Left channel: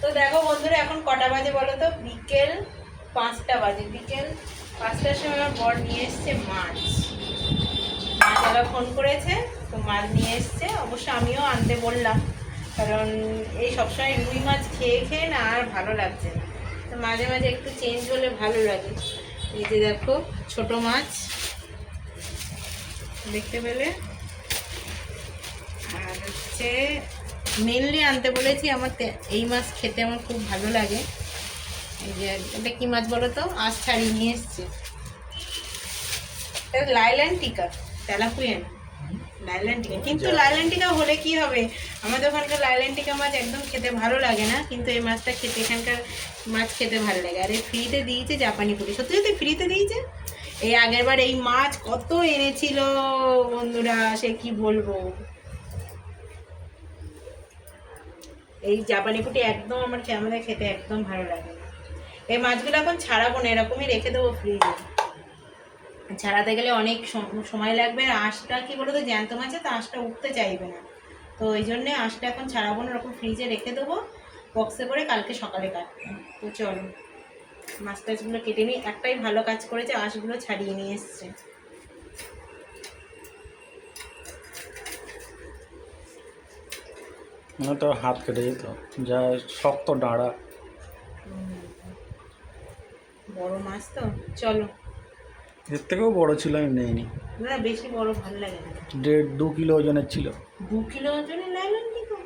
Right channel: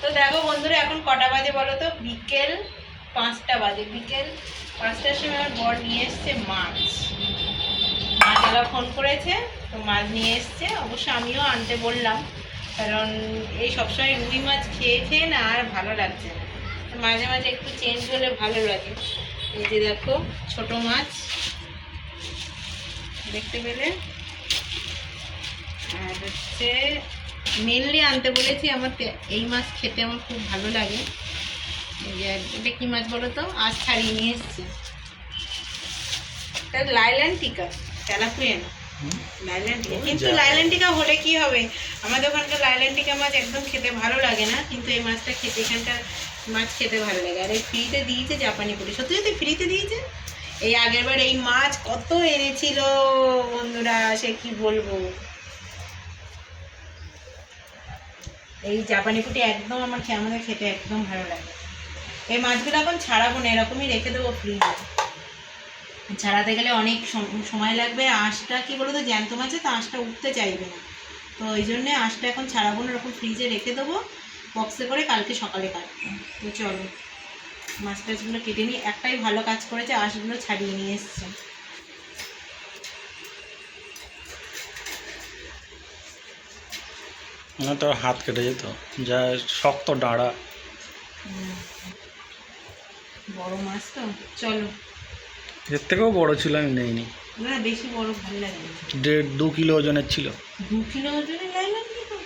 তো দেখো বন্ধুরা, এখন কটা বাজে বলো তো? বিকেল 5টা বাজে। বিকেল 5টার সময় আমার বর নিয়ে এসছে মাছ। মাছওয়ালা ফোন করেছে, তো মাছ নিয়ে এসছে। অবশ্য আমিও আনতে বললাম, কারণ এই সবসময় রুই মাছ খেয়ে খেয়ে না আর ভালো লাগছে না, তো মাঝে মাঝে একটু চেঞ্জ হলে ভালো লাগে। এই যে দেখো ছোট মাছ দেখতে পেলে। আর হচ্ছে মেনলি আনতে বলেছি, আমার এই মাছ খেতে আমার খুব ভালো লাগে। এই যে এটা কি মাছ বলো তো? আজ ছাড়িয়ে নিয়ে এসছে। এটা লাইল্যান্টিকা, তেলাপুয়া না, লাইল্যান্টিকা। কিন্তু লাইল্যান্টিকা হলে কি হবে, আমাদের ওখানকার লাইল্যান্টিকা মাছ একদম খেতে ভালো লাগে না, কিন্তু এই মাছটা খেতে, এখানকার মাছ খেতে ভালো লাগে। আর এই ফ্রিতে দিয়েছে জাপানি পুরি, সত্যি সত্যি ফ্রিতে দিয়েছে। এই আগের বার এই মাছ কত এনেছিল বন্ধুরা, সে কি বলবো। এই জাপানি পুটি একদম আমাদের খেতে একদম ভালো লাগে। এই মাছগুলো এখন ছাড়াবো না, এরকমই রেখে দেবো ফ্রিজে। ছাড়াতে গেলে অনেক সময় লাগবে। আঁশটা কি বলো তো, জ্যান্ত মাছে তো আঁশটা উঠতে চাইবে না, তো ওই জন্যে আঁশটা এখন ছাড়াবো না, এরকম ফ্রিজে রেখে দেবো বক্সে করে, কালকে সকালে কাটবো। তো চলো মাছ টাছগুলো কেটে নিই। একটাই ভালো কাজ করেছে, আঁশগুলো ছাড়িয়ে নিয়ে এসছে। তো হাত কেটে যেত, যা শক্ত ডাঁড়া। বড় মাছ তো, চলো। এর থেকেও বড় ছিল, আমি নেইনি। না বেশি বড় ভালো লাগে না। 1.5-2 কিলো ওজনের ছিল। 2 কিলো ওজনের লাইল্যান্টিকা?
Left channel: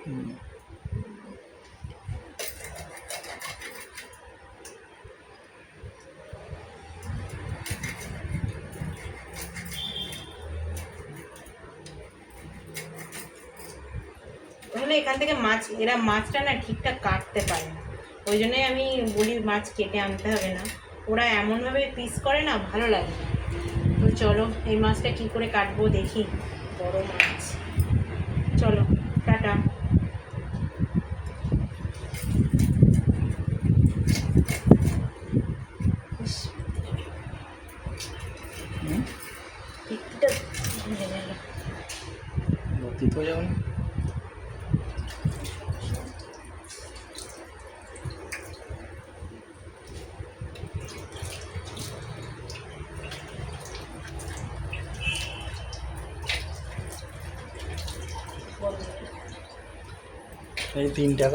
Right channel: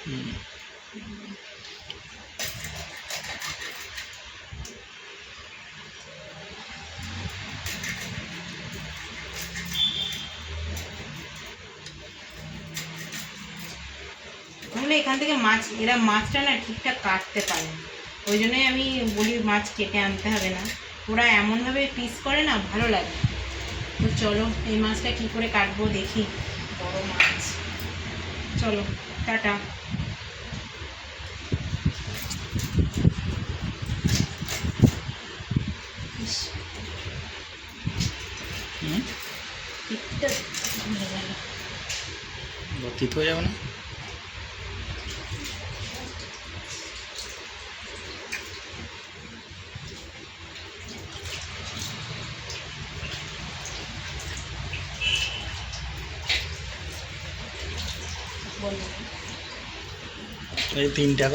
তাহলে এখান থেকে মাছ, এরা মাছটা না ঠিকঠাক কাটতে পারে না, ওই জন্যই আমি বলি মাছ কেটে আনতে হবে না। ওরা এমনভাবে পিস করে না, ভালো লাগে। তো চলো এই মাছটা কি করে কাটবো দেখি। বড় মাছ, চলো টাটা। পিঠটা ভুলে গেল। তিত হয়ে যাবে না? এই 3টা